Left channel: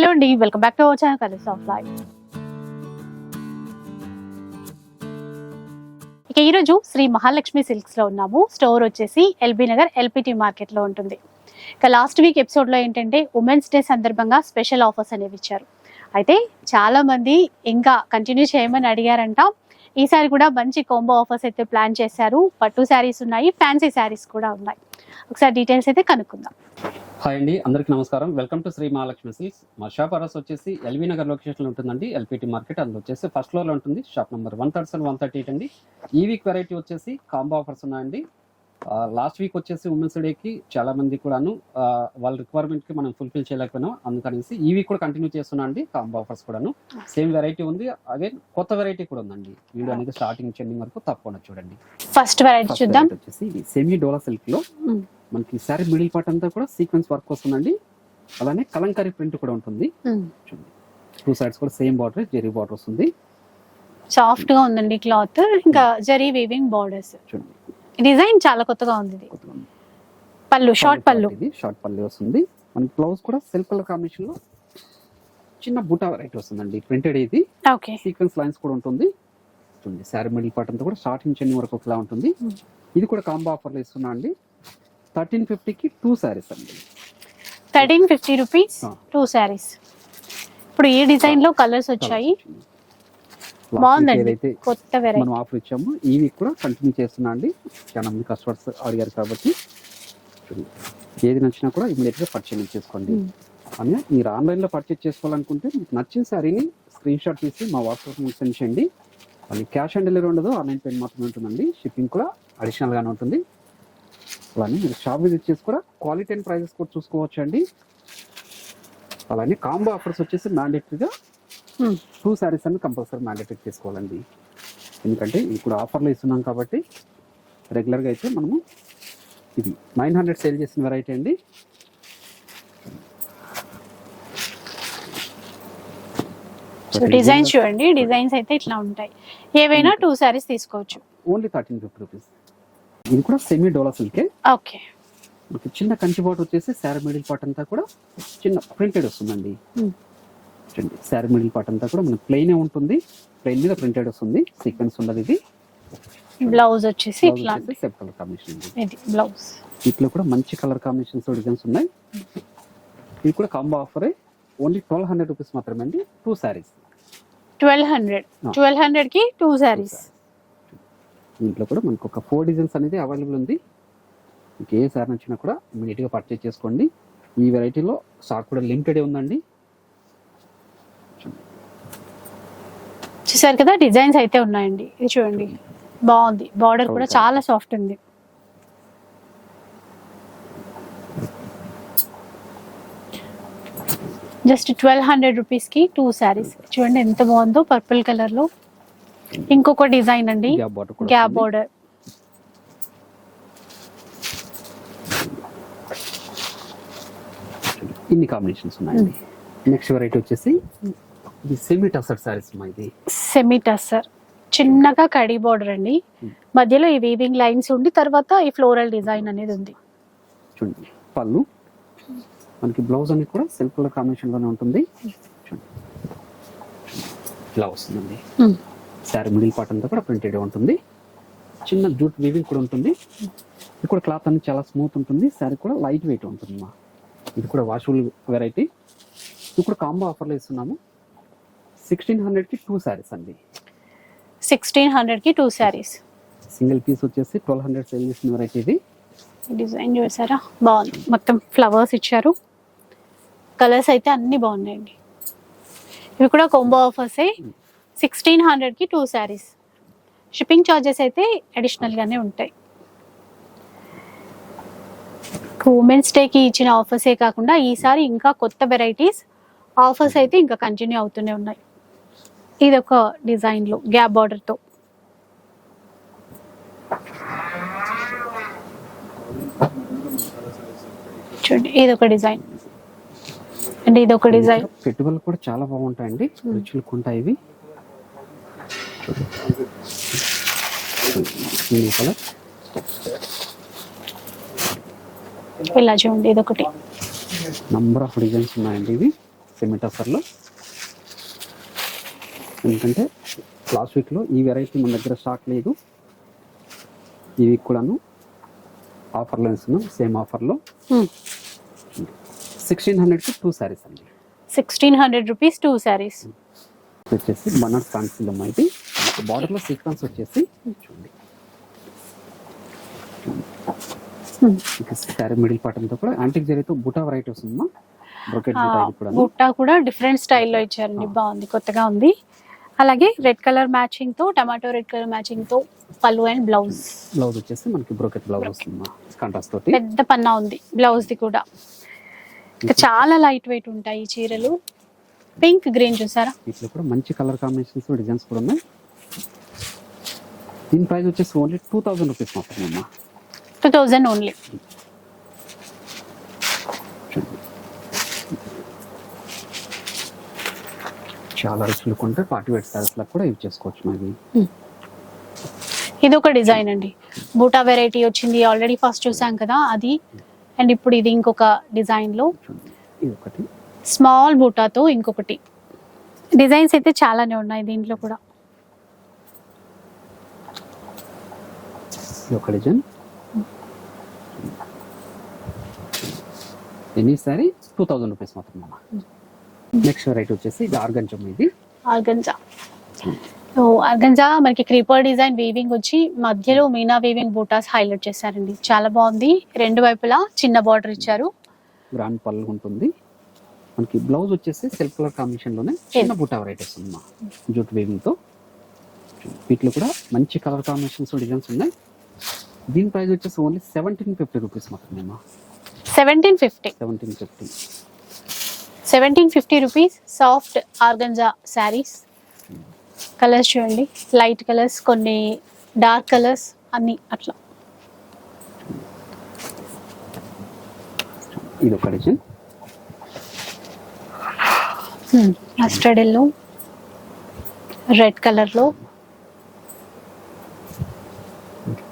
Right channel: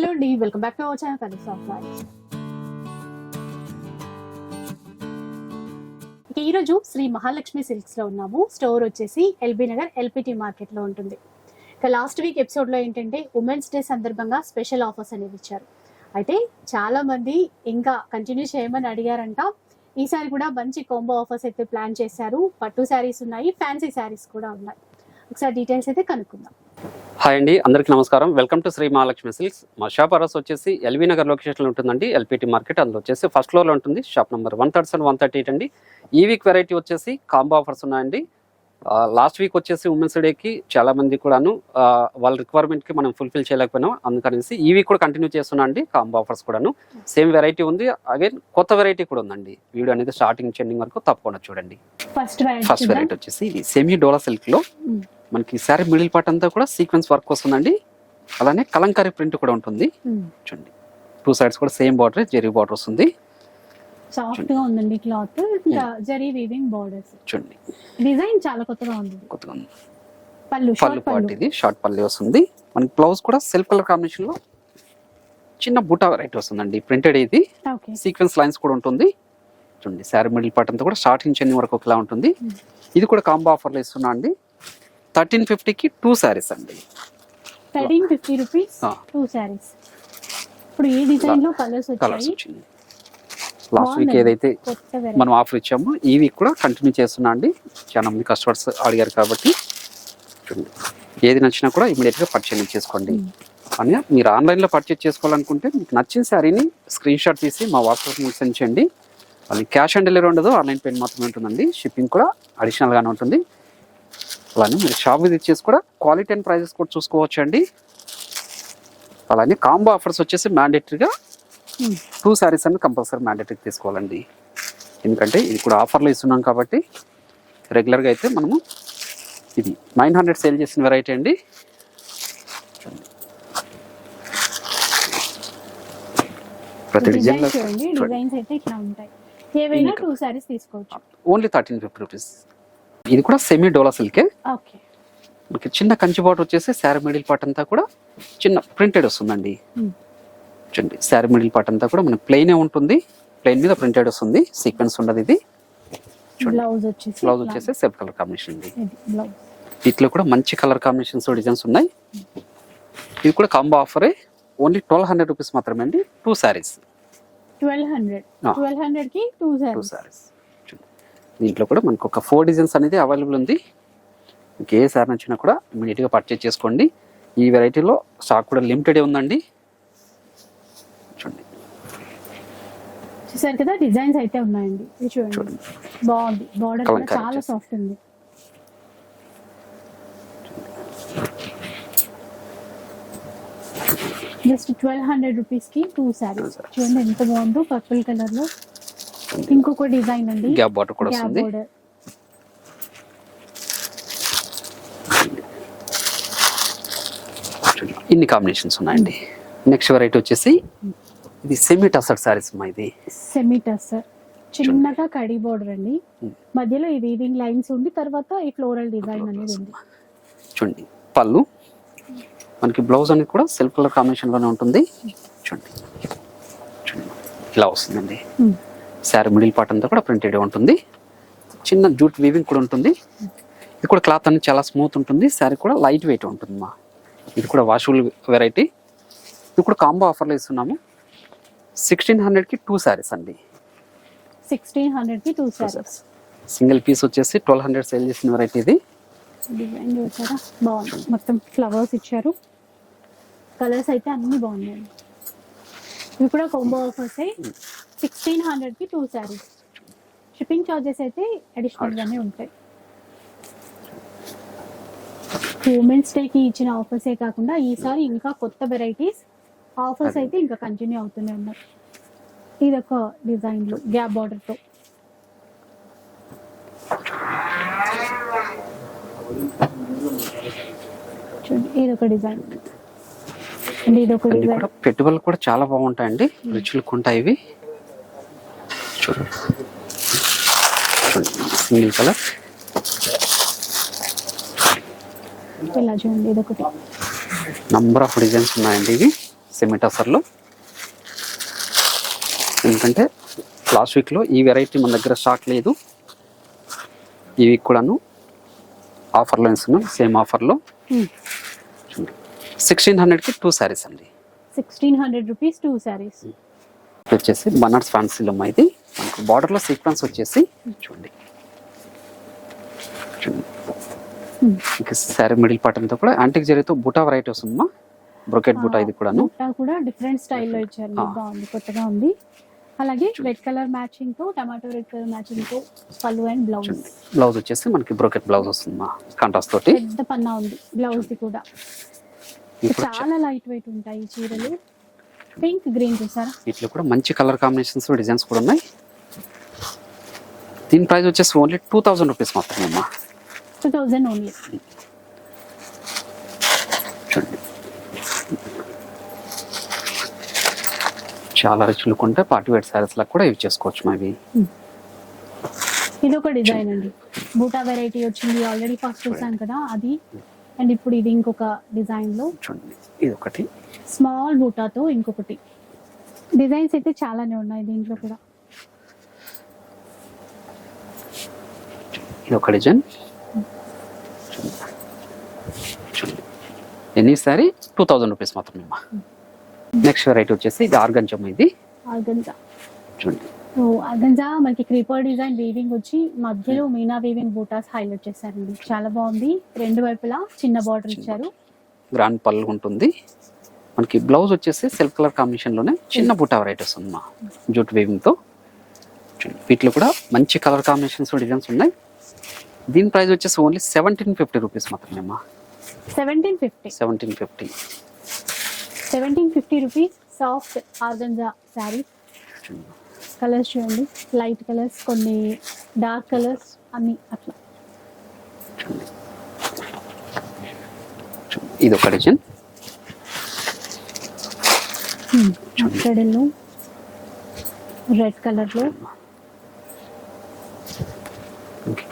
Hello అండి welcome back to our channel colours of life ఇక ఈరోజు శ్రీ మహాలక్ష్మి సిల్క్స్లో ఉన్నాము. స్టోర్ వచ్చేసి ఎల్బీ నగర్ ఎల్పిటి మార్కెట్లో ఉంటుంది. ఇక లాస్ట్ వీక్ ఎపిసోడ్లో ఏంటంటే ఉమెన్స్ డే సందర్భంగా స్పెషల్ ఆఫర్స్ అనేవి ఇచ్చారు. అయితే చాలా మంది ఇంకా కంటిన్యూ చేయమని అడిగారంట. ఈసారి కూడా మంచి కాంబో ఆఫర్స్ అయితే ప్లాన్ చేశారు. పట్టు శారీస్ ఉన్నాయి ఫ్యాన్సీ శారీస్ కూడా ఉన్నాయి. ఒకసారి డీటెయిల్స్ అయితే కనుక్కుందాం. హాయ్ అండి అందరికీ నమస్కారం. Welcome to Shri Mahalakshmi silks. మా షాప్ అడ్రస్ వచ్చేసి ఎల్వీ నగర్ లొకేషన్లో ఉంటుందండి. ఎల్పిటి మార్కెట్ అందులో వచ్చేసి ఫస్ట్ ఫ్లోర్లో ఉంటుంది. Shop number one thirty seven one thirty eight అండి. ఈ వీక్ వెరైటీ వచ్చేసి కాంబో ఆఫర్స్ ఉన్నాయండి. లాస్ట్ వీక్ వచ్చేసి ఉమెన్స్ డేకి చాలా మంది కూడాను వాళ్ళ రిక్వైర్మెంట్కి మనం ఫుల్ఫిల్ చేయలేకపోయినాం. అందుకనేసి ఈ వీక్ కూడా కంటిన్యూ చేస్తున్నా అండి కాంబో ఆఫర్స్ కూడాను. సేమ్ వెరైటీ ఉంది. అగైన్ కొత్త వెరైటీ కూడా ఉందండి. వీడియో అనేది స్టార్టింగ్ చెండింగ్ వరకు తప్పకుండా చూడండి. ఫస్ట్ వెరైటీ వచ్చేసి సెమీ డోలా సిల్క్లో. మ్మ్. మనకి సారీ మిడిల్ పార్ట్ అంతా కూడా సీక్వెన్స్ వర్క్ వస్తుందండి. అలానే కలంకారీ ప్రింట్ కూడా ఉంటుంది. చూడండి. టూ సైడ్స్ కూడా సేమ్ బార్డర్ జెరీ బార్డర్ వస్తుంది. సాఫ్ట్గా ఉందండి క్లాత్. ఇంకా జరీ వీవింగ్ బార్డర్స్ చూడండి. డిజైన్ చాలా కొత్తగా ఉంది. కొత్తగా ఉంది. పళ్ళు షార్ట్ పళ్ళు. పళ్ళు ఇది షార్ట్ పల్లి వస్తుంది. మనకి బ్లౌజ్ కూడా సెల్ఫ్ కలర్ కాంబినేషన్లో చిన్న బుటా వెరైటీ వస్తుందండి. ప్రింటెడ్ ఇది. ఓకే సీక్వెన్స్ లైన్స్ కూడా ఉంటుంది. చూడండి శారీ మిడిల్ పార్ట్ అంతా కూడా స్టార్టింగ్ చెన్ని వరకు ఒకలా ఉంటుంది. ఇది కూడా కాంబో ఆఫర్లో ఇస్తున్నా అండి. థర్టీన్ ఫిఫ్టీకి టూ శారీస్ అండి. Thirteen fifty rupees. Two saris. ఇప్పుడు ఈ డిజైన్లో కలర్స్ వచ్చాయి. ఏదైతే మనం ఆఫర్ ఇచ్చాము వీక్ కూడా కంటిన్యూ చేస్తున్నా అండి. చాలా మంది కస్టమర్స్ అడిగారు కాబట్టి. ఏది నచ్చినా కూడా ఇమీడియట్గా పర్చేజ్ చేసుకోండి. అని మీరు ఆన్లైన్లో పర్చేజ్ చేసుకోవాలనుకుంటే మీకు నచ్చిన శారీని స్క్రీన్ షాట్ తీసి మా వాట్సాప్ సెండ్ చేయండి. అది క్యాష్ ఆన్ డెలివరీ ఉండదు ఆన్లైన్ పేమెంట్ మాత్రమే ఉంటుందండి. షిప్పింగ్ కూడా అడిషనల్ గానే ఉంటుంది. అలానే మీరు షాప్ విజిట్ చేసి కూడా క్వాలిటీ అండ్ ప్రైజెస్ కూడా చూసుకోవచ్చు అండి అలానే కాంబో ఆఫర్స్ వచ్చేసి మ్యాండేటరీగా. టూ శారీస్ అనేది కంపల్సరీ మ్యాండేటరీ తీసుకోవాలండి. ఎందుకంటే ఇది కూడా ఆఫర్లో ఇస్తున్నాం కాబట్టి రెగ్యులర్గా అయితే మనము ఇది నైన్ హండ్రెడ్ సేల్ చేసిన వెరైటీ అండి. ప్రతి డిజైన్ design లో చూడండి. డిజైన్స్ అయితే ఇట్లా ఉంటాయి. ఏవైనా టూ శారీస్ తీసుకోవచ్చు. ఓన్లీ థర్టీన్ ఫిఫ్టీ రూపీస్ ఇది కూడా సెమీ డోలా సిల్కే ఓకే. మనకి చిన్న కంచి బాటర్ వచ్చేసి శారీ మిడిల్ పార్ట్ అంతా కూడా చిన్న ప్రింటెడ్ వస్తుందండి. Hmm. చూడండి శారీ మిడిల్ పార్ట్ అంతా కూడా మనకి ప్లెయినే ఉంటుంది. ప్లెయిన్ మీద ప్రింటెడ్ వస్తుంది. సీక్వెన్స్ ఉండదు ఇది. బ్లౌజ్ వచ్చేసి బ్లౌజ్ వచ్చేసి సెల్ఫ్ కలర్ కాంబినేషన్ ఇది బ్లౌజ్ వీటిలో కూడా మంచి కలర్ కాంబినేషన్స్ డిజైన్స్ ఉన్నాయి. ఇది కూడా కాంబో ఆఫరే ఓన్లీ ట్వెల్వ్ హండ్రెడ్ రూపీస్ మాత్రమే అండి. Two saris twelve hundred. Twelve హండ్రెడ్కి టూ శారీస్ దీంట్లో కూడా మనకు ఒక ఫోర్ డిజైన్స్ అనేది అవైలబుల్ ఉంది. మీకు ఏ సారీ నచ్చినా కూడా ఇమీడియట్గా పర్చేజ్ చేసుకోండి. ఈ వెరైటీలో స్టాక్ కూడా లిమిటెడ్ ఉందండి. చూడండి. చూసారు కదా డిజైన్స్ అయితే ఉన్నాయండి. ఇది చూడండి. బాగుంది. బార్డర్ కూడా. చాలా సాఫ్ట్ ఉంది. జస్ట్ ట్వెల్వ్ హండ్రెడ్ రూపీస్కి టూ శారీస్. చూడండి ఎంత బాగుందో పర్పుల్ కలర్లో. ఇంకొక డిజైన్ అండి. గ్యాప్ బాటర్ కూడా గ్యాప్ బోర్డర్. ఇన్ని కాంబినేషన్స్ ఉన్నాయండి. నెక్స్ట్ వెరైటీ వచ్చేసి ఇది సెమీ టసర్ శారీస్ మా ఇది. సెమీ టస్సర్ చిన్నగా కడి బోర్డర్ అండి. Hmm. మధ్యలో ఈ వీవింగ్ లైన్స్ ఉండి తర్వాత ఈ ఫ్లోరల్ డిజైన్ అనేది ఉంది. చూడండి పళ్ళు. మనకి బ్లౌజ్ అనేది కూడా సెల్ఫ్ కలర్ కాంబినేషన్లోనే ఉంటుంది. చూడండి. చూడండి. ఇలా వస్తుందండి. Hmm. శారీ మిడిల్ పార్ట్ అంతా కూడా ప్రింటెడ్ ఉంటుంది. చిన్న జూట్ వీవింగ్ కూడా ఉంటుంది. ఇది కూడా క్లాత్ అనేది చాలా స్మూత్ ఉంటుంది. శారీ కూడా లైట్ వెయిట్ ఉంటుంది మా. ఇది కూడా వాషబుల్ వెరైటీ ఇది కూడా కాంబో ఆఫర్లో ఇస్తున్నాము. సిక్స్టీన్ హండ్రెడ్కి టూ శారీస్ అండి. సిక్స్టీన్ హండ్రెడ్కి టూ శారీస్ సింగిల్ పీస్ వచ్చేసి ట్వెల్వ్ హండ్రెడ్ సేల్ చేసిన వెరైటీ ఇది. డిజైన్ చూసారా? బాగుంది. మొత్తం ఫ్లవర్స్ ఇచ్చారు. కలర్స్ అయితే అన్ని బాగున్నాయండి. ఇవి కూడా కొంబో ఆఫర్సే సిక్స్టీన్ హండ్రెడ్కి టూ శారీస్. షిప్పింగ్ ఛార్జెస్ అయితే అడిషనల్గానే ఉంటాయి. ఉమెన్స్ డేకి ఇచ్చిన ఆఫర్సే కాకుండా ఈసారి ఇంకా కొత్త వెరైటీస్ ఆఫర్స్ అయితే ఇంకా కంటిన్యూ అవుతూనే ఉన్నాయి. ఇది ఒక డిజైన్లో గ్యాప్ బార్డర్తో చూడండి ఇది ఒక డిజైన్ అంటే ఇది ఒక డిజైన్ పెట్టుబడులు కూడా చాలా బాగుంటాయండి. రిచ్ లుక్ ఉంటాయి ఇవి. చూడండి సింగిల్ కలర్ ఇలా చూడండి ఇది ఒకటి నంబర్ ఆఫ్ డిజైన్స్ ఉన్నాయండి ఇవి టసర్లో ఎందుకంటే లాస్ట్ వీక్లో ఈ వెరైటీ మన దగ్గర స్టాక్ లేదు। ఈ వీక్ కూడాను ఆఫర్లో ఇస్తున్నాం సేమ్ ఆఫర్లో సిక్స్టీన్ హండ్రెడ్కి టూ శారీస్ అండి। Sixteen hundred rupees two saris ఇది వచ్చేసి బనార్స్ ఫ్యాన్సీలో ఇది బార్డర్లో సీక్వెన్స్ వచ్చేసి చూడండి. ఇంకా శారీ మిడిల్ పార్ట్ అంతా కూడా యాంటిక్ జరీతో బుటా వెరైటీ వస్తుందమ్మా బ్రొకెట్ బుటా ఇది కూడా బుట్టా కూడా డిఫరెంట్ స్టైల్లో ఇచ్చారండి. ఆ. బాగుంది కొత్తగా ఉంది. అలాగే రెడ్ కలర్ మ్యాచింగ్తో టమాటో రెడ్ కలర్ మ్యాచింగ్తో పళ్ళు అండ్ బ్లౌజ్ బ్లౌజ్ వచ్చేసి మనకి బ్రొకెట్ బ్లౌజ్ వస్తుందమ్మా కాంట్రాస్ట్ తోటి. పెద్ద పన్నా ఉంది బ్లౌజ్ ది కూడా. చాలా లైట్ వెయిట్ ఉంటాయి ఈ చీరలు. పింక్ గ్రీన్ చూసారా? వీటిలో కూడా మంచి కలర్ కాంబినేషన్స్ డిజైన్స్ కూడా ఉన్నాయి. దీని ప్రైస్ వచ్చేసి ఓన్లీ టూ థౌజండ్ రూపీస్ మాత్రమే అమ్మా టూ థౌజండ్ ఓన్లీ. చూడండి. చాలా రిచ్ లుక్ ఉంటే పార్టీ వేర్ శారీస్లకు కూడా యూజ్ చేసుకోవచ్చు మావి. ఇది ఒక డిజైన్ అండి. బూటా వెరైటీ వచ్చింది. ఆల్రెడీ ఫస్ట్ చూసాం కదా అది. అండ్ ఇప్పుడు ఇది ఇంకొక డిజైన్లో. చూడండి. ఇది ఒకటి. స్మాల్ బూటాతో ఇంకొకటి. డిజైన్స్ అయితే చాలానే ఉన్నాయి దీంట్లో కూడా. ఒక design. Any sari? Two thousand rupees మాత్రమే నెక్స్ట్ వెరైటీ వచ్చేసి ఇది ఆర్గంజమ్ ఇది. ఆర్గంజా. సో ఆర్గంజా మనకి క్రీపర్ డిజైన్ వీవింగ్ వచ్చి మధ్యలో మీనా వీవింగ్ బూటాస్ హైలైట్ చేశారండి. చాలా బాగుంది. రెండు వైపులా చిన్న బార్డర్ ఇచ్చారు. గ్రాండ్ పళ్ళు ఉంటుంది. మనకి బ్లౌజ్ వచ్చేసి సిల్క్ కలర్ కాంబినేషన్లోనే చిన్న బుట్ట వెరైటీ వస్తుంది మా జూట్ వీవింగ్తో వీటిలో కూడా మంచి కలర్ కాంబినేషన్స్ డిజైన్స్ ఉన్నాయి. దీని ప్రైస్ వచ్చేసి ఓన్లీ సెవెంటీన్ ఫిఫ్టీ రూపీస్ మాత్రమే అమ్మా seventeen fifty seventeen fifty seventeen fifty rupees soft organza saris. Colours చూడండి లైట్ కలర్స్ కొన్ని డార్క్ కలర్స్ అన్ని అట్లా. ఇది ఒక డిజైన్. మస్టర్డ్ ఎల్లో రెడ్ కలర్లో.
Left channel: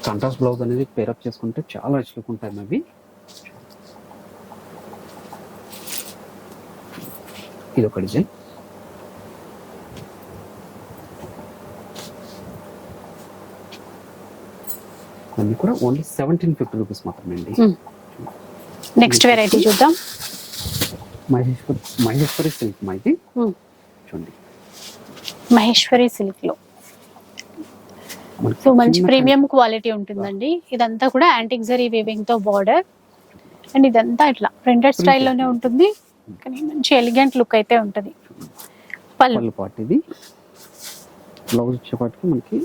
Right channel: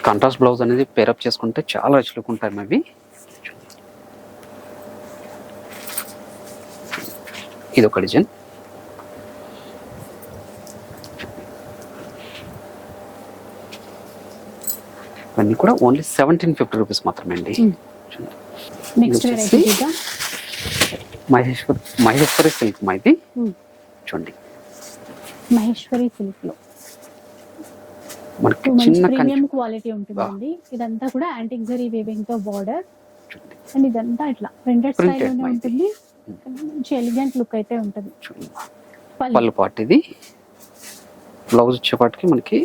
కాంట్రాస్ట్ బ్లౌజ్ అనేది పేరప్ చేసుకుంటే చాలా రిచ్ లుక్ ఉంటాయి అవి ఇది ఒక డిజైన్. ఇవన్నీ కూడా ఓన్లీ సెవెంటీన్ ఫిఫ్టీ రూపీస్ మాత్రమే అండి. నెక్స్ట్ వెరైటీ చూద్దాం. మహేశ్వర్ మహేశ్వరి సిల్క్ మా ఇది? Hmm. చూడండి. మహేశ్వరి సిల్క్లో మంచి ప్రీమియం క్వాలిటీ ఉంటుందండి. ఇదంతా కూడా యాంటిక్ జరీ వీవింగ్తో బార్డర్ అండ్ ఇదంతా ఇట్లా ప్రింటెడ్ స్టైల్లోనే. ఉంటుంది. కానీ మంచి ఎలిగెంట్ లుక్ అయితే ఉంటుంది. చూడండి. పళ్ళు. పార్ట్ ఇది. బ్లౌజ్ వచ్చేపాటికి మనకి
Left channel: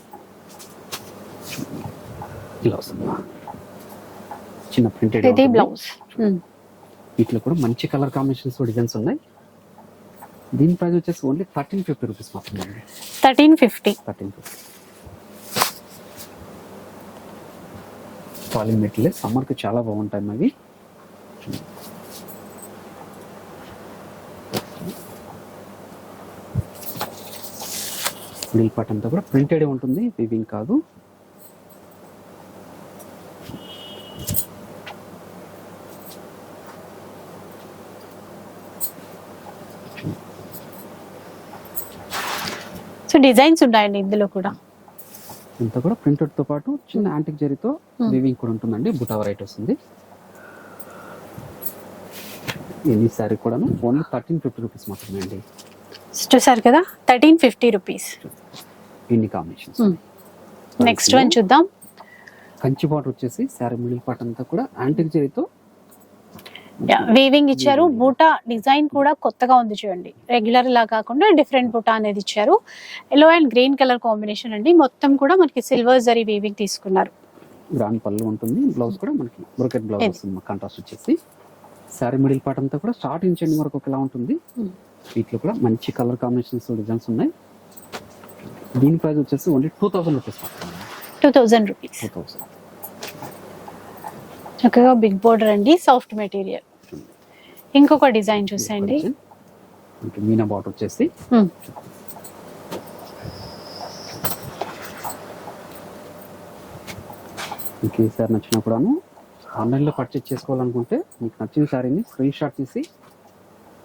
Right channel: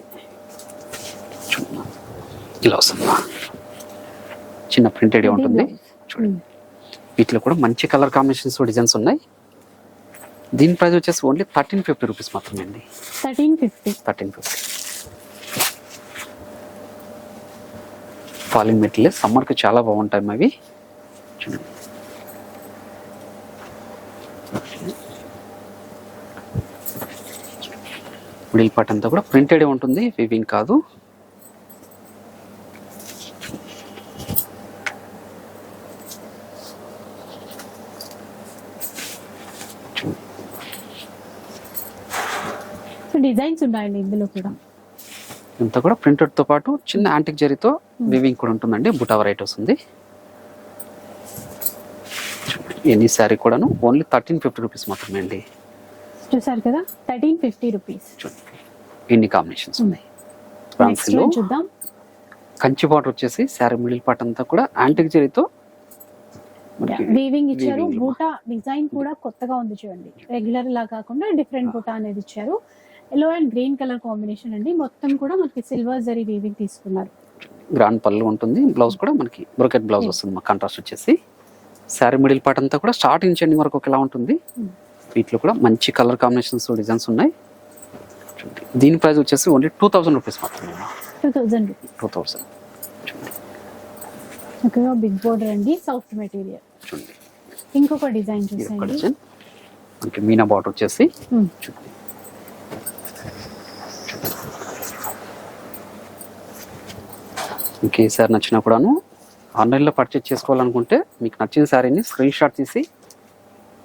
చూడండి. ఇలా వస్తుంది చిన్న ప్రింటెడ్ బ్లౌజ్ వీటిలో కూడా మంచి కలర్ కాంబినేషన్స్ డిజైన్స్ ఉన్నాయి. దీని ప్రైస్ వచ్చేసి ఓన్లీ థర్టీన్ ఫిఫ్టీ రూపీస్ మాత్రమే అండి. Thirteen fifty. Thirteen fifty. Falling material సమ్మర్కి చాలా బాగుంటాయి అవి చూడండి. మిడిల్ పార్ట్ అంతా కూడా ప్రింటెడ్ ఉంటుంది. వివింగ్ కాదు. డిజైన్స్ ఉన్నాయండి ఇందులో కూడా. ఇంత కూడా ప్రింటెడ్తో పాటు చిన్న యాంటిక్ జరీతో వివింగ్ కూడా ఉంటుందండి. బుటా వెరైటీ వస్తుంది ఎనీ శారీ కూడాను? ఓన్లీ థర్టీన్ ఫిఫ్టీ రూపీస్ మాత్రమే అండి. చూసారు కదా? థర్టీన్ ఫిఫ్టీ రూపీస్ ఇన్ని కాంబినేషన్స్ ఉన్నాయి. నెక్స్ట్ వన్ చూద్దాం. కంచి బార్డర్ వచ్చేసి శారీ మిడిల్ పార్ట్ అంతా కూడా యాంటిక్ జరీతో వీవింగ్ ఇచ్చారు. బూటా డిజైన్ కూడా కొత్తగా ఉంది చూడండి. రెగ్యులర్ లా కాకుండా డిఫరెంట్ బూటా అనేది ఇచ్చారు. Yellow and green colour combination అండి. మొత్తం కూడా మనకి సిల్వర్ జరీ వీవింగ్ తీసుకున్నారు. గ్రాండ్ పళ్ళు ఉంటుంది. బ్లౌజ్ కూడా మనకి బ్రోకెట్ బ్లౌజ్. వస్తుంది. కాంట్రాస్ట్ వచ్చేసి. శారీ మిడిల్ పార్ట్ అంతా కూడా స్టార్టింగ్ ఎండింగ్ వరకు ఒకలా ఉంటుంది. Hmm. వీటిలో కూడా మంచి కలర్ కాంబినేషన్స్ డిజైన్స్ ఉన్నాయి. దీని ప్రైస్ వచ్చేసి ఓన్లీ టూ థౌసండ్ రూపీస్ మాత్రమే. Two thousand rupees two thousand చక్కగా బిగ్ బోర్డర్ అండి సాఫ్ట్ మెటీరియల్. చూడండి. ఇంకొక డిజైన్ చూసేయండి. మనకి మీనా బార్డర్ వచ్చేసి. మీకు ఏ సారీ నచ్చినా కూడాను ఆన్లైన్లో పర్చేజ్ చేసుకోవాలనుకుంటే మీకు నచ్చిన శారీని స్క్రీన్ షాట్ తీసి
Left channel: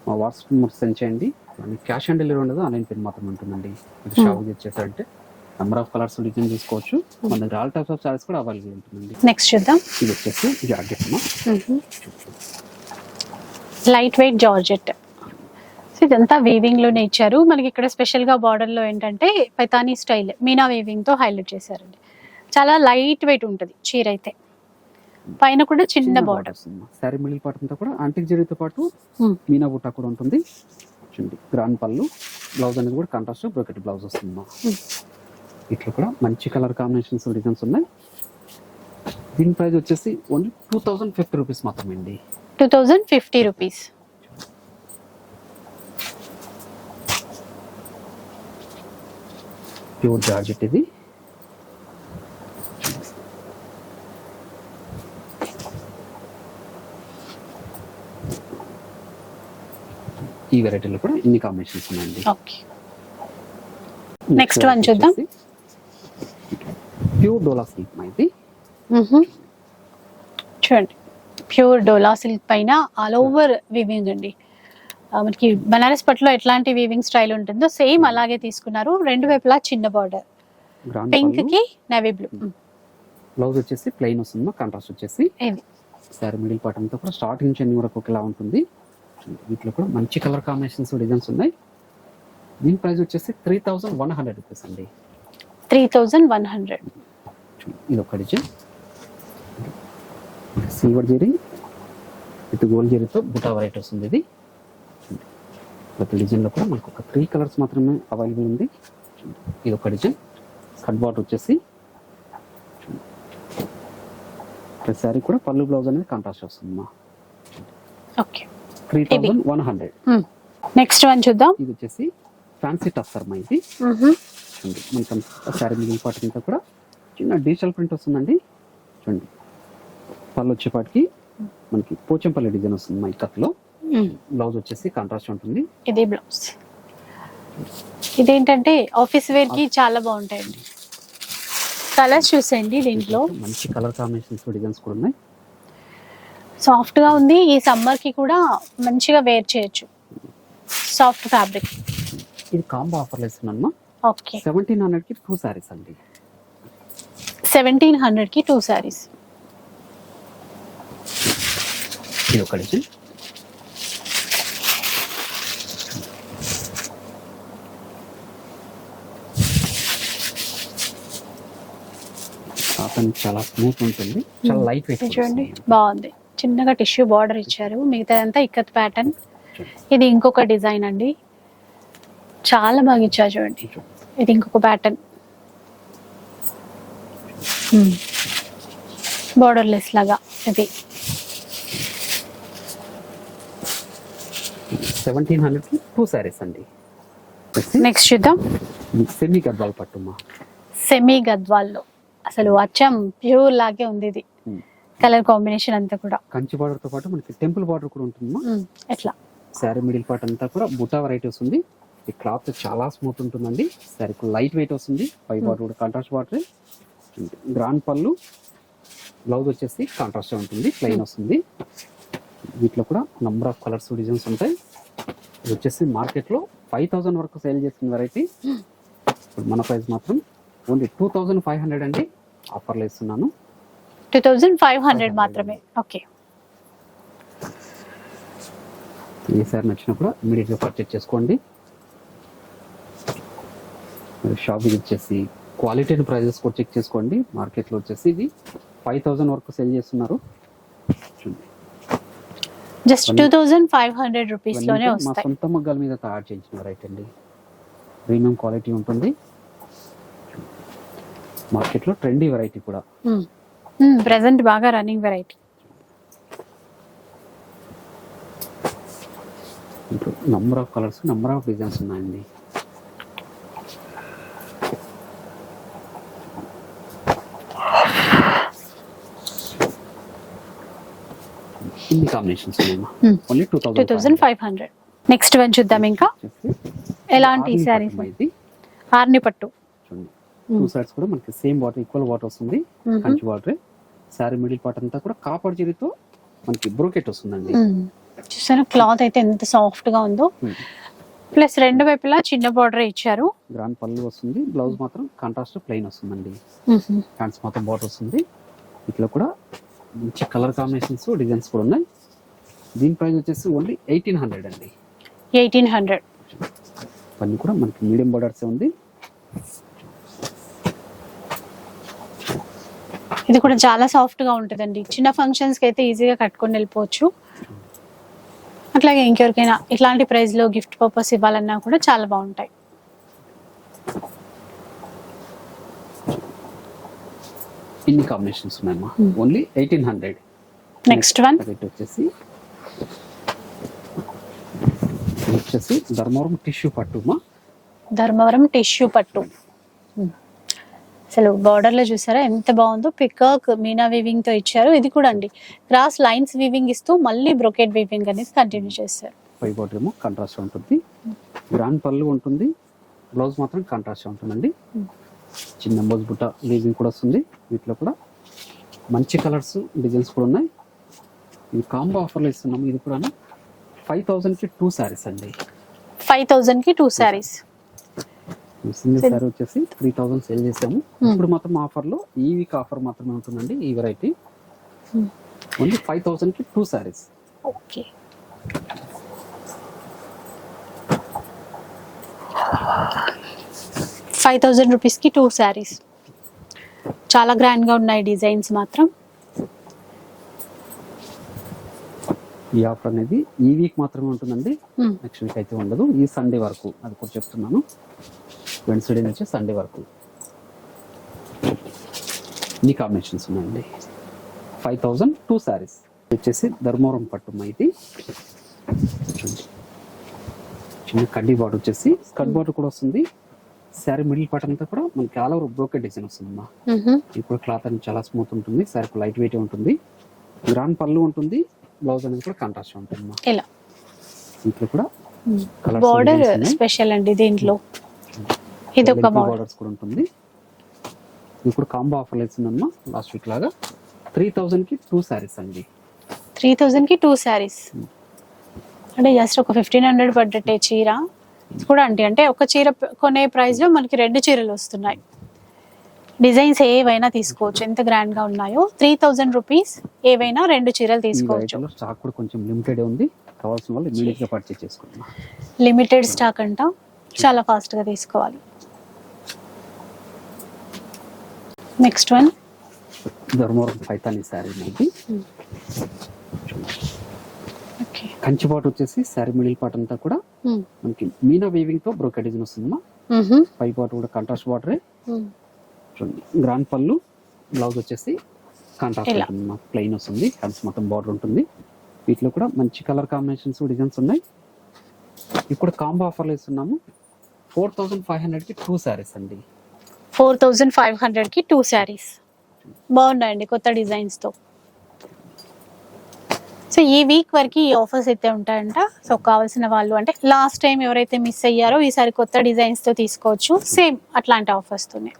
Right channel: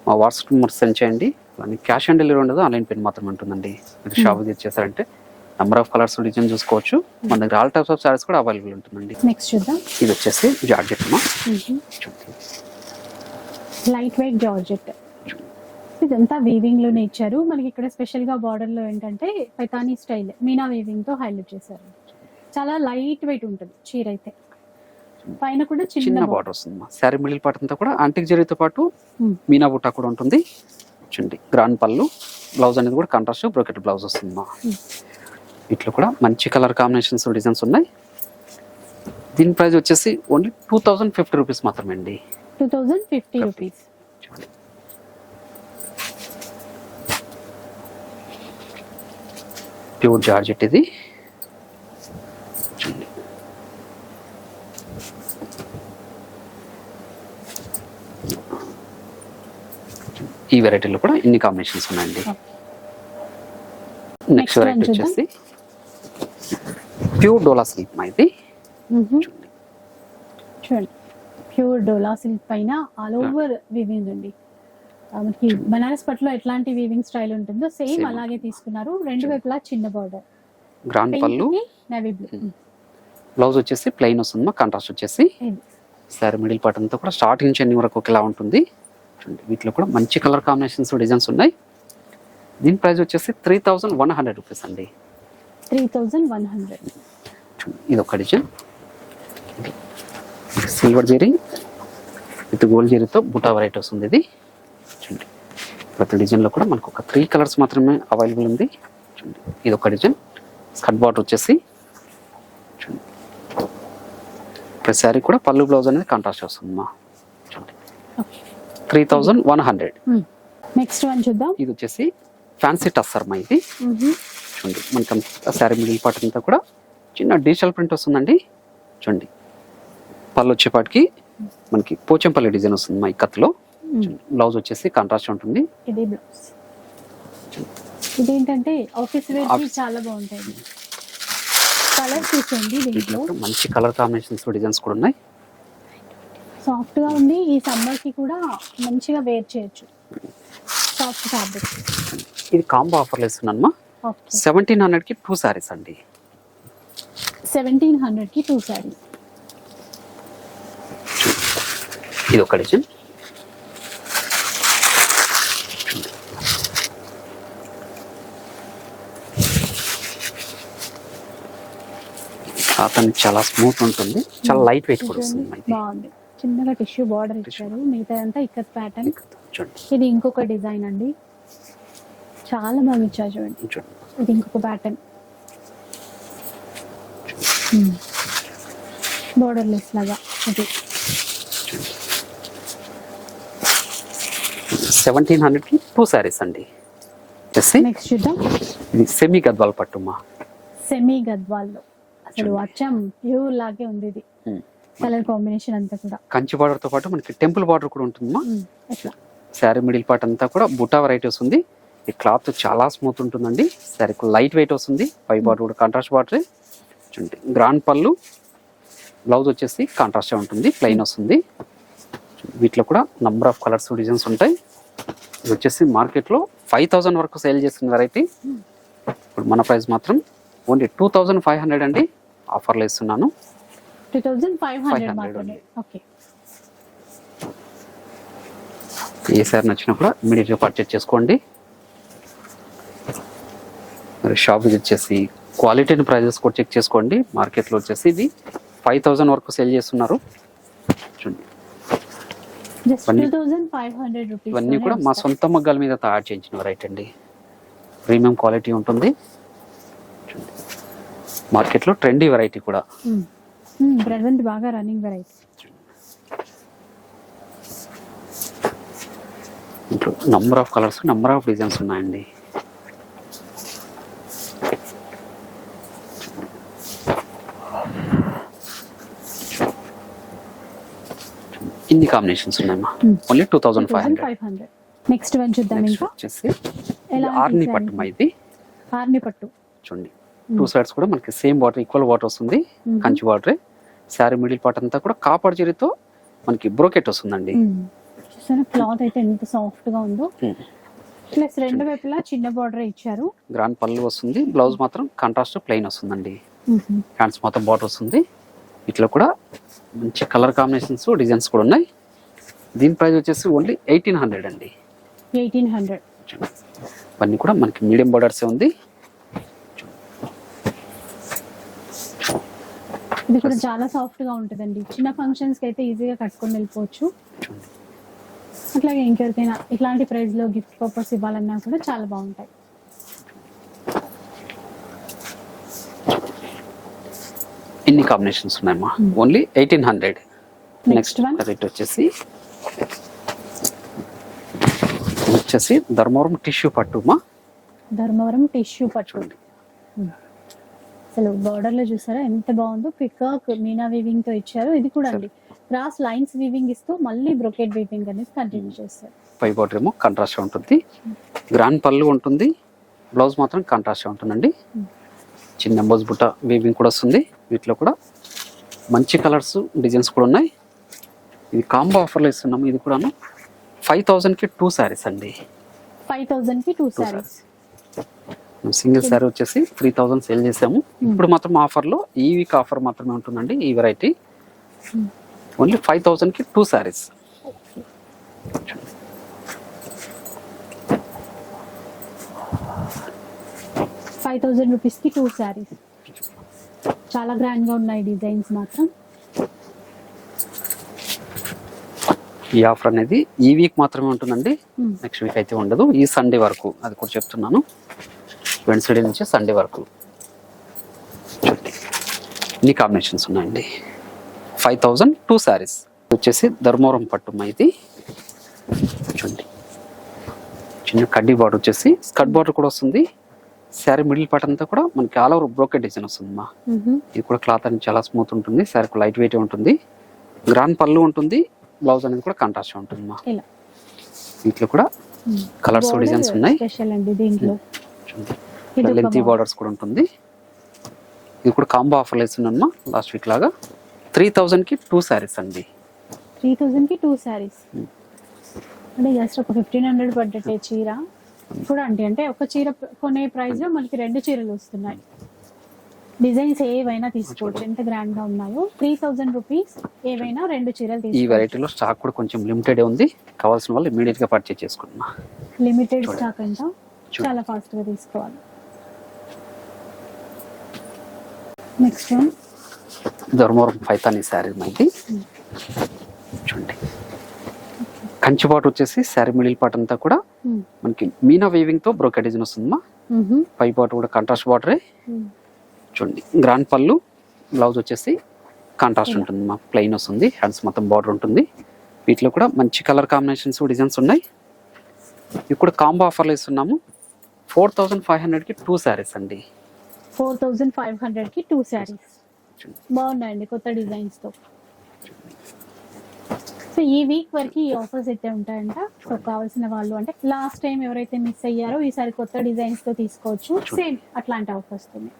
మా వాట్సాప్ నెంబర్ సెండ్ చేయండి. అలానే క్యాష్ ఆన్ డెలివరీ ఉండదు ఆన్లైన్ పేమెంట్ మాత్రమే ఉంటుందండి. మీరు. షాప్ తెచ్చేసారంటే నెంబర్ ఆఫ్ కలర్స్ డిజైన్ చూసుకోవచ్చు. మన దగ్గర ఆల్ టైప్స్ ఆఫ్ సారీస్ కూడా అవైలబుల్ ఉంటుందండి. నెక్స్ట్ చూద్దాం. ఇది వచ్చేసి జార్జెట్ అమ్మా. Light weight georgette. ఇదంతా వీవింగ్లోనే ఇచ్చారు. మనకి ఇక్కడ స్పెషల్గా బార్డర్లో ఏంటంటే పైతానీ స్టైల్ మీనా వీవింగ్తో హైలైట్ చేశారండి. చాలా లైట్ వెయిట్ ఉంటుంది చీర అయితే. పైన కూడా చిన్న బార్డర్ వస్తుంది శారీ మిడిల్ పార్ట్ అంతా కూడా అంటిక్ జరీతో పాటు. మీనా బుట్ట కూడా ఉంటుంది. చూడండి గ్రాండ్ పళ్ళు బ్లౌజ్ అనేది కూడా కాంట్రాస్ట్ బ్రోకెట్ బ్లౌజ్ వస్తుంది. వీటిలో కూడా మంచి కలర్ కాంబినేషన్స్ డిజైన్స్ ఉన్నాయి. దీని ప్రైస్ వచ్చేసి only two thousand fifty rupees మాత్రమే అండి two thousand fifty rupees. Pure georgette ఇది. ఈ వెరైటీలో కూడా ఇన్ని కాంబినేషన్స్ ఉన్నాయండి. Next one చూద్దాం. ప్యూర్ డోలా సిల్క్ మా ఇది. చూడండి. ప్యూర్ డోలా సిల్క్ పైన ఆల్ ఓవర్ వీవింగ్ అండి. మనకి బనారస్ పట్టులో ఎట్లాంటి వీవింగ్ స్టైల్ ఉంటుందో సేమ్. అలాగే తీసుకున్నారు. రెండు వైపులా చిన్న బార్డర్. గ్రాండ్ పింక్కి నేవీ బ్లూ బ్లౌజ్ వచ్చేసి ప్లెయిన్ వస్తుంది కాంట్రాస్ట్ వచ్చేసి. సారీ మిడిల్ పార్ట్ అంతా కూడా స్టార్టింగ్ నుంచి ఎన్ని వరకు ఒకేలా ఉంటుంది. చూడండి, వీటిలో కూడా మంచి కలర్ కాంబినేషన్స్ డిజైన్స్ ఉన్నాయి. దీని ప్రైస్ వచ్చేసి three thousand one hundred rupees అండి. Three thousand one hundred. ఇది ఒక design silver zari with gold జెరీతో buta variety వస్తుంది ఇది. చూడండి. ప్రతి డిజైన్లో కూడా మనకు ఒక త్రీ కలర్స్ మాత్రమే అవైలబుల్ ఉంది. చూడండి. ఇది ఒక డిజైన్ స్కట్ బాట్ వచ్చేసి చూడండి. ప్రతి శారీ కూడా పళ్ళు బ్లౌజ్ అనేది కాంట్రాస్ట్ వస్తుంది మా చూడండి. Okay. Three thousand one hundred. Next one చూద్దాం. ఇది వచ్చేసి ఫ్యాన్సీ టస్సర్ మా ఇది చూడండి. మనకి శారీ మిడిల్ పార్ట్ అంతా కూడా చిన్న డిజిటల్ ప్రింట్ వస్తుందండి. చూడండి. పళ్ళు వచ్చేపాటికి మనకి పోచంపల్లి డిజైన్ వస్తుంది మా ఇక్కత్లో బ్లౌజ్ వచ్చేసి కాంట్రాస్ట్ ఉంటుంది. ఇది బ్లౌజ్. ఇదేంటంటే ఆఫీస్ వేర్కి చాలా బాగుంటాయండి కలర్స్ చూసేయండి దీంట్లో. మంచి కలర్ కాంబినేషన్స్ డిజైన్స్ కూడా ఉన్నాయి. సాఫ్ట్గా ఉంది. ఈ సమ్మర్కి కూడా మంచిగా వేర్ చేయొచ్చు. సాఫ్ట్ ఫ్యాబ్రిక్ ఇది కాంబో ఆఫర్లు ఇస్తున్నాను సెవెంటీన్ హండ్రెడ్కి టూ సారీస్ అండి. సెవెంటీన్ హండ్రెడ్కి టూ సారీస్ ఇది ఒక డిజైన్. అతను చాలా స్మూత్ ఉంటుంది. చాలా లైట్ వెయిట్ చూడండి బాగుంది. చిన్నగా టిష్యూ బార్డర్ ఇచ్చారు. మిగతాదంతా ఇక్కత్ ప్యాటర్న్ ఇది ఇంకొక డిజైన్ అండి. చాలా బాగా ఇచ్చారు చూడండి. ఇది ఇంకొక ప్యాటర్న్ బార్డర్ లెస్ లాగా ఇది సెవెంటీన్ హండ్రెడ్కి టూ సారీస్ అండి. నెక్స్ట్ చూద్దాం. ఇది సెమీ గద్వాల్ పట్టుమా? సెమీ గద్వాల్లో అసలు అచ్చం ప్యూర్ లాగే ఉంది ఇది. Hmm. కలర్ కాంబినేషన్ అంతా కూడా. కంచి బార్డర్తో పాటు మనకి టెంపుల్ బార్డర్ కూడా ఉంటుందమ్మా. Hmm. ఎట్లా? శారీ మిడిల్ పార్ట్ అంతా కూడా బుటా వెరైటీ వస్తుంది ఈ క్లాత్ చాలా స్మూత్ ఉంటుందండి. శారీ లైట్ వెయిట్ వస్తుంది. పై బార్డర్ కూడా కాంట్రాస్ట్ బార్డర్. చూడండి గ్రాండ్ పళ్ళు. బ్లౌజ్ వచ్చేసి కాంట్రాస్టే ఉంటుంది. ప్లెయిన్ వస్తుంది. వీటిలో కూడా నంబర్ ఆఫ్ కలర్స్ డిజైన్స్ ఉంటాయి. ఇది వచ్చేసి మార్కెట్లో ఫైవ్ థౌజండ్ వరకు సేల్ చేసిన వెరైటీ ఇప్పుడు మన ప్రైస్ మాత్రం only two thousand five hundred అండి. ఆఫర్లో ఇస్తున్నాను. టూ థౌజండ్ ఫైవ్ హండ్రెడ్ 500 మాత్రమే. ఓకే. ఏ సారి నచ్చినా కూడా ఇమీడియట్గా పర్చేజ్ చేసుకోండి. మరి షాప్ విజిట్ చేసి క్వాలిటీని ప్రైజెస్ కూడా చెక్ చేసుకోండి. మార్కెట్లో వచ్చేసి ఇది ఫైవ్ థౌజండ్ వరకు సేల్ చేస్తున్నారు. చూడండి. Just two thousand five hundred rupees మా సొంత మగ్గాల మీద తయారు చేయించిన వెరైటీ అండి. ప్రీమియం క్వాలిటీ ఉంటుంది. మార్కెట్లో ట్రెండీ వెరైటీ కూడా. ప్రెసెంట్ బాగా రన్నింగ్ వెరైటీ ఇంట్లో number of colours number of designs ఉన్నాయండి. కాంబినేషన్స్ ఉన్నాయమ్మా. Hmm. Only two thousand five hundred next one చూద్దాం ఇంకా. వచ్చేసి ఎలాంటి? పట్టుమా ఇది? ఆర్ని పట్టు. చూడండి. Hmm. టూ సైడ్స్ కూడా మనకి సేమ్ వాటర్ ఈక్వల్ వాటర్ వస్తుంది. Kanchi water sari middle part అంతా కూడా కాపర్ జరీతో మనకి బ్రోకెట్ వస్తుందండి. చూసారా? క్లాత్ అయితే ఎంత సాఫ్ట్గా ఉందో. ప్లస్ రెండు వైపులా చిన్న బార్డర్ ఇచ్చారు. గ్రాండ్ పళ్ళు వస్తుంది. బ్లౌజ్ మాత్రం కాంట్రాస్ట్ ప్లెయిన్ వస్తుందండి. హ్యాండ్స్ మొత్తం బార్డర్ వస్తుంది. ఇట్లా కూడా మంచి కలర్ కాంబినేషన్స్ డిజైన్స్ కూడా ఉన్నాయి. దీని ప్రైస్ వచ్చేసి ఓన్లీ ఎయిటీన్ హండ్రెడ్ అండి. Eighteen hundred. ఇవన్నీ కూడా మనకి మీడియం బార్డర్సే ఉంది. ఇది కూడా చాలా సాఫ్ట్గా ఉంటుందండి. చిన్న ఫంక్షన్స్కి అయితే ఈజీగా కట్టుకొని వెళ్ళిపోవచ్చు. అట్లాగే ఇంకెవరికైనా ఇట్లాంటి ప్రైస్లో గిఫ్ట్ పర్పస్ ఇవ్వాలన్నా కూడా చాలా బాగుంటాయి. ఇన్ని కాంబినేషన్స్ ఉన్నాయమ్మా. Only eighteen hundred next one rate వచ్చేసి వచ్చేసి ధర్మవరం టిష్యూ పట్టుమా? ధర్మవరం టిష్యూ పట్టు. అసలు బార్డర్లో చూసారా? ఎంత బాగుందో. పికాక్ మీనా వీవింగ్తో ఇచ్చారు. ఇది కూడా అండి. క్రాస్ లైన్స్ వీవింగ్ ఇస్తూ మళ్ళీ బ్రొకెట్ వీవింగ్ అనేది కంటిన్యూ చేస్తారు. పై బార్డర్ ఏమో కాంట్రాస్ట్ ఉంటుంది. గ్రాండ్ పళ్ళు ఉంటుంది. బ్లౌజ్ మాత్రం కాంట్రాస్ట్ ఉంటుందండి. చిన్న ఎంబోజ్ బుట్ట వీవింగ్ కూడా వస్తుంది. వీటిలో కూడా మంచి కలర్స్ డిజైన్స్ కూడా ఉన్నాయి. ఇది కాంబో ఆఫర్లో ఇస్తున్నాము. ఇది కూడాను ఫైవ్ థౌజండ్కి టూ శారీస్ అండి. ఫైవ్ థౌజండ్కి టూ శారీస్ సింగిల్ శారీ వచ్చేసి త్రీ థౌజండ్ సేల్ చేసాము. ఇప్పుడు మాత్రం ఆఫర్లో ఈ వీక్ ఆఫర్ మాత్రమే ఉంటుందండి ఈ వెరైటీ Hmm. ఓన్లీ ఫైవ్ థౌజండ్కి two sarees okay five thousand రూపీస్కి టూ శారీస్ చాలా గ్రాండ్గా ఉన్నాయి డిజైన్స్ మాత్రం. ఈ ఆఫర్ అనేది ఈ వీక్ మాత్రమే ఉంటుందండి. నెక్స్ట్ వీక్ అయితే ఉండదు. ఈ సండే వరకు అది కూడా చెప్తున్నాను. వెన్స్డే నుంచి సండే వరకు ఇన్ని కాంబినేషన్స్ ఉన్నాయండి. ఫైవ్ థౌజండ్ టూ శారీస్ వచ్చేసి ధర్మవరం పట్టు ఇది చూడండి. చిన్న కడ్డీ బార్డర్ వచ్చేసి స్కర్ట్ బార్డర్ కూడా వస్తుంది. శారీ మిడిల్ పార్ట్ అంతా కూడా మనకి ఆల్ ఓవర్ బ్రోకెట్ డిజైన్ వస్తుంది మా ఇది కూడా క్లాత్ అనేది చాలా స్మూత్ ఉంటుంది. శారీ లైట్ వెయిట్ ఉంటుంది. గ్రాండ్ పళ్ళు ఉంటుంది. బ్లౌజ్ అనేది కూడా కాంట్రాస్ట్ ఉంటుంది మా. ఇలా. వీటిలో కూడా కలర్స్ డిజైన్స్ ఉన్నాయి. స్పెషల్ అండి దీంట్లో ఇది ఒక బార్డర్స్ కూడా ఉంటుంది. ఇది కూడా కాంబో ఆఫర్లు ఇస్తున్నాను లాస్ట్ వీక్ లాగా. త్రీ కి టూ శారీస్ అండి. త్రీ థౌజండ్కి టూ శారీస్ అంటే జస్ట్ ఒక ఫిఫ్టీన్ హండ్రెడ్ పడ్డట్టే చీర. కూడా అంటే అంటే ఒక చీర కొనే ప్రైస్లో మనకి రెండు చీరలు వస్తున్నాయి. డిజైన్స్ ఏవైనా తీసుకోవచ్చు. ఎంత grand గా ఉన్నాయో? త్రీ థౌజండ్ రూపీస్ ఏవైనా రెండు చీరలు ఈ తీసుకోవచ్చు. వెరైటీలో స్టాక్ కూడా కొంచెం లిమిటెడ్ ఉంది. కావాల్సిన వాళ్ళు ఇమీడియట్గా పర్చేస్ చేసుకుంటున్నా లిమిటెడ్ స్టాక్ అంట. చాలా fast గా తీసుకోవాలి. Next one Dharmavaram Paithani sari Hmm. చూడండి. ఓకే కంచి పాటు వచ్చేసి శారీ మిడిల్ పార్ట్ అంతా కూడా మనకి మీనా వీవింగ్తో బ్రోకెట్ డిజైన్ వస్తుందమ్మా. పై పాటు కూడా కాంట్రాస్ట్ బార్డరే చూడండి. గ్రాండ్ పళ్ళు బ్లౌజ్ వచ్చేసి కాంట్రాస్ట్. ఉంటుంది మా ప్లెయిన్ వస్తుంది. హ్యాండ్స్ మొత్తం బార్డర్ ఉంటుంది. వీటిలో కూడా మంచి కలర్ కాంబినేషన్స్ డిజైన్స్ ఉన్నాయి. ఇవి కూడా కాంబో ఆఫర్లు ఇస్తున్నాము. ఫోర్ థౌజండ్ ఫైవ్ హండ్రెడ్కి టూ శారీస్ అండి. ఫోర్ థౌజండ్ ఫైవ్ హండ్రెడ్కి టూ శారీస్ బాగున్నాయండి కొత్త డిజైన్స్తో సో ఈ వీక్ వరకు ఈ ఆఫర్స్ అయితే ఉంటాయంట. సో కావాల్సిన వాళ్ళు అంటే లాస్ట్ టైం ఎవరైతే మిస్ అయ్యారో ఈసారి కొత్త డిజైన్స్తో తీసుకోవచ్చు. సేమ్ అట్లాంటి ఆఫర్స్తోనే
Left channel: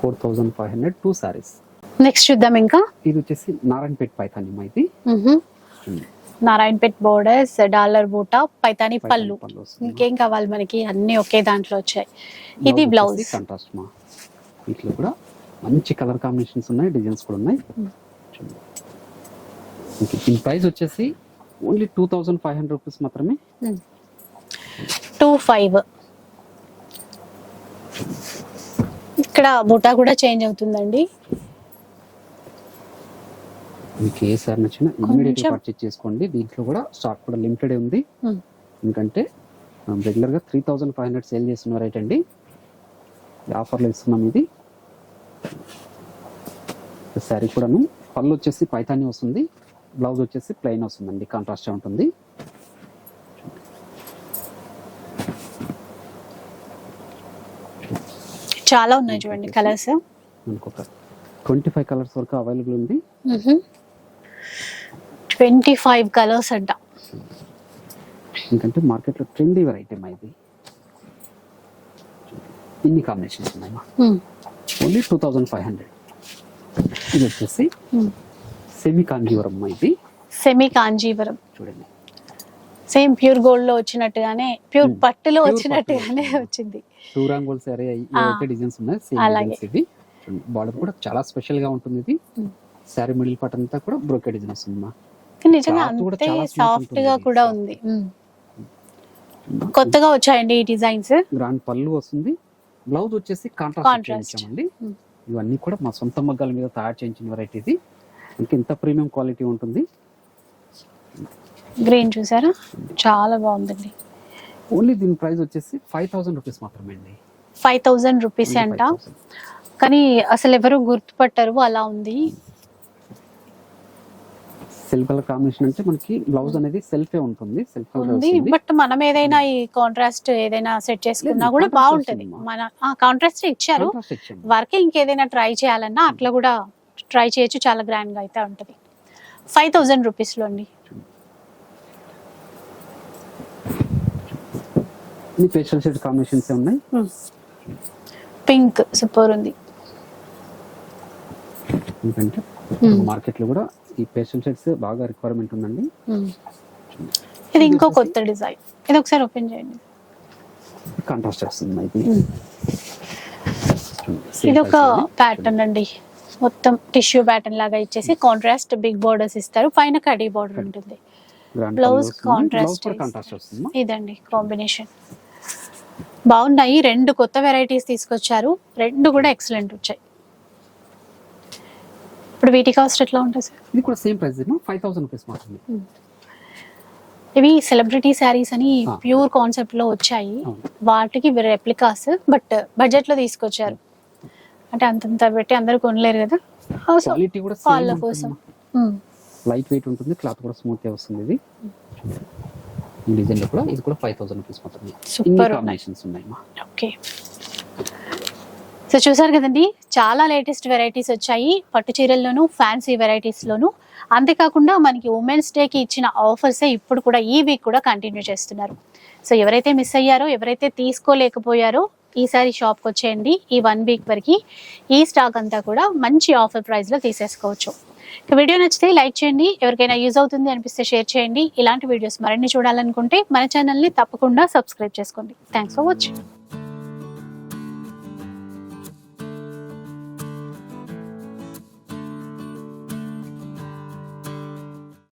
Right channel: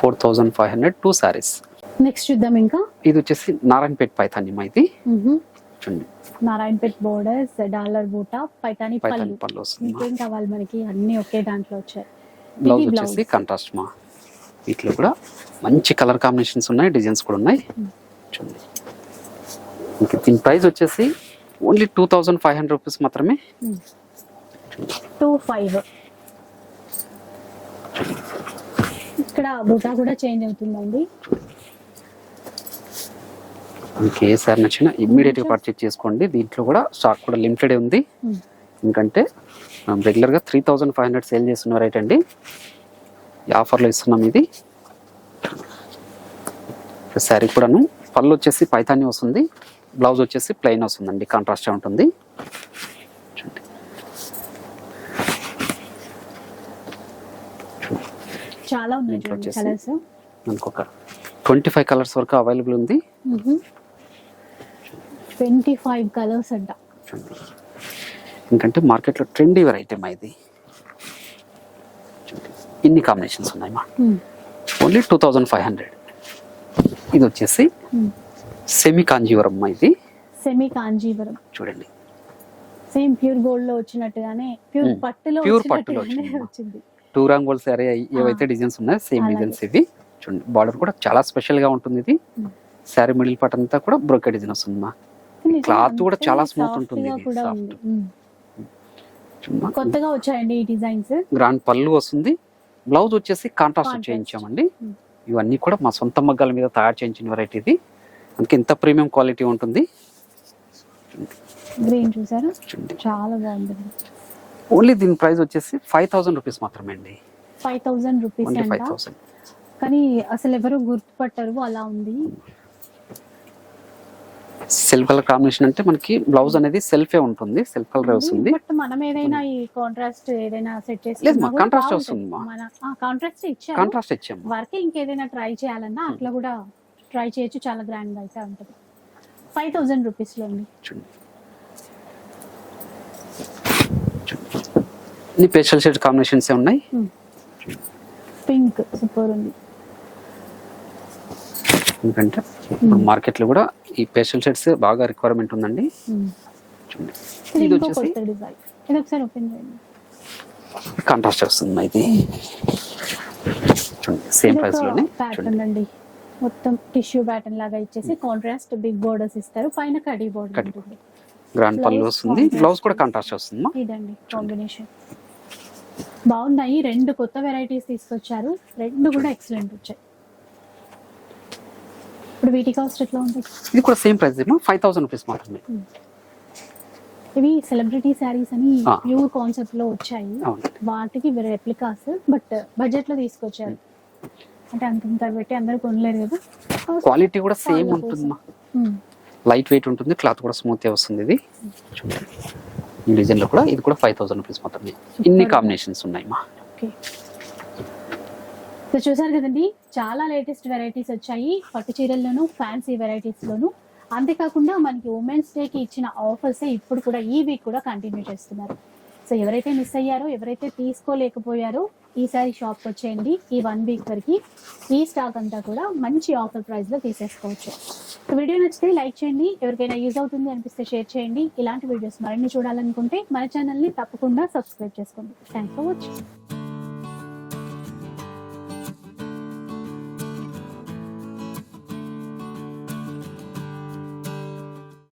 four thousand five hundred two sarees. Next చూద్దాం ఇంకా. ఇది వచ్చేసి నారాయణపేట్ పైతాని మా ఇది నారాయణపేట్ బోర్డర్స్ డాలర్ బూటా పైతాని పళ్ళు. ఇంకేం కావాలి మనకి? అన్ని ఒకే దాంట్లో వచ్చాయి. ఇది బ్లౌజ్ కాంట్రాస్ట్ మా వీటిలో కూడా మంచి కలర్ కాంబినేషన్స్ ఉన్నాయి డిజైన్స్ కూడా ఉన్నాయి. చూడండి. ఇంకా దీని ప్రైస్ వచ్చేసి only two thousand five hundred rupees మాత్రమే. టూ ఫైవ్ ఇక్కడ బుటా కూడా చేంజ్ అవుతుందండి. మీకు ఏ సార్ నచ్చినా ఇమ్మీడియట్గా. పర్చేజ్ చేసుకోండి. దీంట్లో కూడా స్టాక్ కూడా లిమిటెడ్ ఉంది. ఎందుకంటే రెగ్యులర్గా three thousand five hundred sale చేస్తున్న రైట్ అండి. ఆఫర్లో ఇస్తున్నాం ఇది. శారీ కూడాను పళ్ళు వచ్చేసి పైతాని వస్తుంది. బ్లౌజ్ వచ్చేసి ప్లెయిన్ వస్తుందండి. కాంట్రాస్ట్ ఉంటుంది. చాలా ఉన్నాయి చూడండి కలర్స్ మనకు ఒక ట్వంటీ ఫైవ్ కలర్స్ వరకు అవైలబుల్ ఉంది. ట్వంటీ ఫైవ్ కలర్స్ అంట. ఎందుకంటే మార్కెట్లో ట్రెండీ వెరైటీ మా ఇది. ఇన్ని కాంబినేషన్స్ ఉన్నాయి మా. Only two thousand five hundred ఇది వచ్చేసి సెమీ కాంజీవరం మా ఇది. సెమీ కాంజీవరం చూడండి. సేమ్ ప్యూర్ గోల్డ్లో వచ్చినట్టుగానే ప్యూర్. పట్టులో వచ్చినట్టుగానే వచ్చింది. టూ రాంగోల్ సారీ ఏవైతే డిజైన్స్ ఉన్నాయో సేమ్. డిజైన్స్ ఇవి. చూడండి బార్డర్ కూడా చాలా స్పెషల్గా ఉంటుంది ఇది. శారీ మిడిల్ పార్ట్ అంతా కూడా బ్రోకెట్ డిజైన్ వస్తుంది మా. Cloth కూడా చాలా సాఫ్ట్ ఉంటుంది. కొత్తగా వచ్చాయండి ఈ డిజైన్స్ గ్రాండ్ పళ్ళు వస్తుంది. బ్లౌజ్ వచ్చేసి కాంట్రాస్ట్. చేయించామండి. ఇవన్నీ కూడా మా సొంత మగ్గాల మీద తయారు చేయించిన వెరైటీ ఇది. అందుకే ఇంత ప్రీమియం క్వాలిటీ ఉంటుంది. గ్రీన్ చూసారా? చాలా బాగుందండి. ఓన్లీ దీని ప్రైస్ వచ్చేసి ఫైవ్ థౌసండ్ రూపీస్ మాత్రమే అండి. ఫైవ్ థౌజండ్ రూపీస్ అంట. 5,000. కానీ అసలు ఎవరు గుర్తుపట్టరు అలా ఉంది. సెల్ఫ్ కలర్ కాంబినేషన్ అంటే మనకి బ్లౌజ్ అనేది సెల్ఫే ఉంటుంది సెల్ఫ్ కలర్ వస్తుంది. బట్ మనం ఏదైనా ఈ కాంట్రాస్ట్ ఏదైనా సెట్ చేసుకున్నా కూడా బాగుంటుంది. మన కాంట్రాస్ట్ ఇచ్చారు. కాంట్రాస్ట్ ఇచ్చాము. వర్క్ ఇంకేదైనా ట్రై చేయాలన్నా అట్లా కూడా ట్రై చేయొచ్చు చాలా గ్రాండ్గా అయితే ఉంటది. ఫైవ్ థౌజండ్ రూపీస్లో అండి. ఇన్ని పేస్టల్ షేడ్ కాంబినేషన్స్ ఉన్నాయి? పింక్ సూపర్ ఉంది. ఎందుకంటే Hmm. మార్కెట్లో కూడా ఈ పేస్టల్ షేడ్స్ బాగా రిక్వైర్మెంట్ ఉందండి. Hmm. ఇది ఇంకో కొత్త డిజైన్ ఇది ఒకసారి ఓపెన్ చేయండి. కాంట్రాస్ట్ వస్తుంది ఇది. ఇది ఒక ప్యాటర్న్ అండి. మొత్తం టిష్యూ ప్యాటర్న్ లాగా ఇచ్చేసి కాంట్రాస్ట్ బిగ్ బోర్డర్స్ ఇస్తారు. పైన కడీ బోర్డర్. ఉంటుంది. బ్లౌజ్ కూడా. కాంట్రాస్ట్ వస్తుంది? ఇదండి కాంబినేషన్ బాగున్నాయి. రెండు కొత్త వెరైటీస్ తీసుకొచ్చారు. రెండు కూడా ఎక్సలెంట్ వచ్చాయి. ఇప్పుడు వీటి కాస్ట్ ఎట్లా ఉంటుంది? ఇది కూడా same price five thousand rupees మాత్రమే. ఇవి సెలబ్రిటీ శారీస్ అని. ప్యూర్ కాన్సెప్ట్లో వచ్చాయి. వాటికి రెప్లికాస్ బట్ బడ్జెట్లో తీసుకొచ్చారు. అంటే అంతంత పెట్టి అందరూ కొనలేరు కదా? క్వాలిటీ కూడా సేమ్ లైట్ వెయిట్ ఉంటుంది క్లాత్ కూడా స్మూత్ వస్తుంది ఇది. చూడండి ఈ డిజైన్లో కూడా ఇది కూడా ఫైవ్ థౌసండ్ రూపీస్ మాత్రమే ఇన్ని. కాంబినేషన్స్ ఉన్నాయి మా. ఓకే సో చూసారు కదండి చాలా లేటెస్ట్ వెరైటీస్ వచ్చాయి. పట్టు చీరల్లోను ఫ్యాన్సీ వెరైటీస్లోను అంతేకాకుండా మనకి ఉమెన్స్ డేకి ఇచ్చిన ఆఫర్సే ఇప్పుడు కూడా ఈ వీక్ కూడా కంటిన్యూ చేస్తున్నారు. సో ఎవరైతే మిస్ అయ్యారో ఎవరైతే తీసుకోలేకపోయారో ఈసారి షాప్కి వచ్చేయండి. ఈ వన్ వీక్ వరకు ఈ స్టాక్ అంతా కూడా మంచి ఆఫర్ ప్రైస్లో తీసేసుకోవచ్చు. వీడియో నచ్చితే లైక్ చేయండి. ఎవరికైనా యూజ్ అవుతుంది అనిపిస్తే షేర్ చేయండి. ఇలాంటి వీడియోస్ మరిన్ని చూడాలనుకుంటే మన ఛానల్ని తప్పకుండా సబ్స్క్రైబ్ చేసుకోండి. Thanks for watching